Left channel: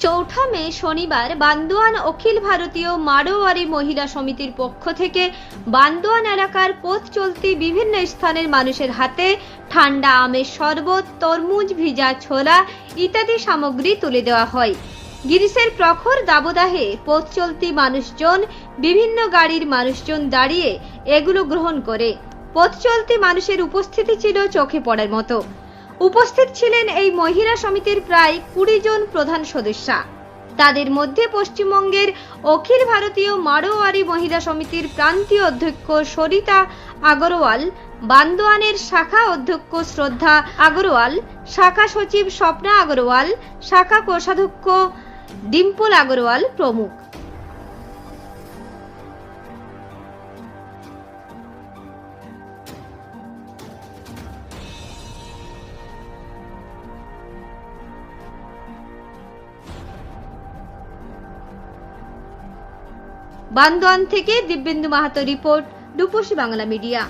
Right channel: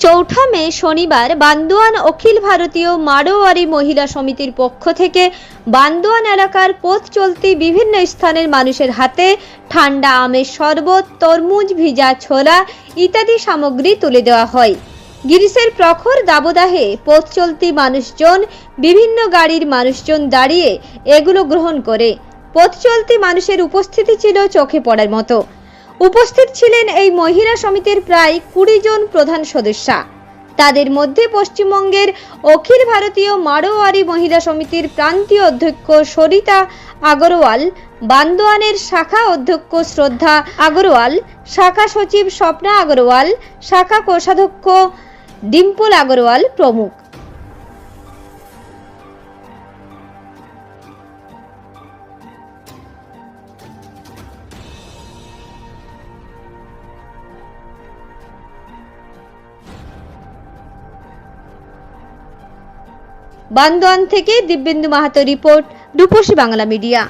চৌঠা মে শনিবার বান্দোয়ান অখিল ভারতীয় মারোয়ারি মহিলা সমিতির পক্ষ থেকে বান্দোয়ান এলাকার পথ চলতি বিভিন্ন স্থানের মানুষের হাতে ঠান্ডা আমের শরবত, তরমুজ, ভিজা ছোলা ইত্যাদি সামগ্রী তুলে দেওয়া হয়। গিরিশের প্রখর দাবদাহে পথ চলতি মানুষজন, বিভিন্ন গাড়ির মানুষজন দাঁড়িয়ে এগুলো গ্রহণ করে। পথ চলতি মানুষের উপস্থিতি ছিল চোখে পড়ার মতো। উপস্থিত ছিলেন এই মহিলা সমিতির প্রায় কুড়ি জন প্রধান সদস্যা। তাদের মধ্যে পশ্চিমবঙ্গের অখিল ভারতীয় মারোয়ারি মহিলা সমিতির প্রান্তীয় অধ্যক্ষ সরিতা আগরওয়াল, বান্দোয়ানের শাখা অধ্যক্ষ শ্রদ্ধা আগরওয়াল, শাখা সচিব স্বপ্না আগরওয়াল, শাখা কোষাধ্যক্ষ ডিম্পল আগরওয়াল প্রমুখ। বান্দোয়ান থেকে দিব্যেন্দু মাহাতো রিপোর্ট রূপসী বাংলা মিডিয়া।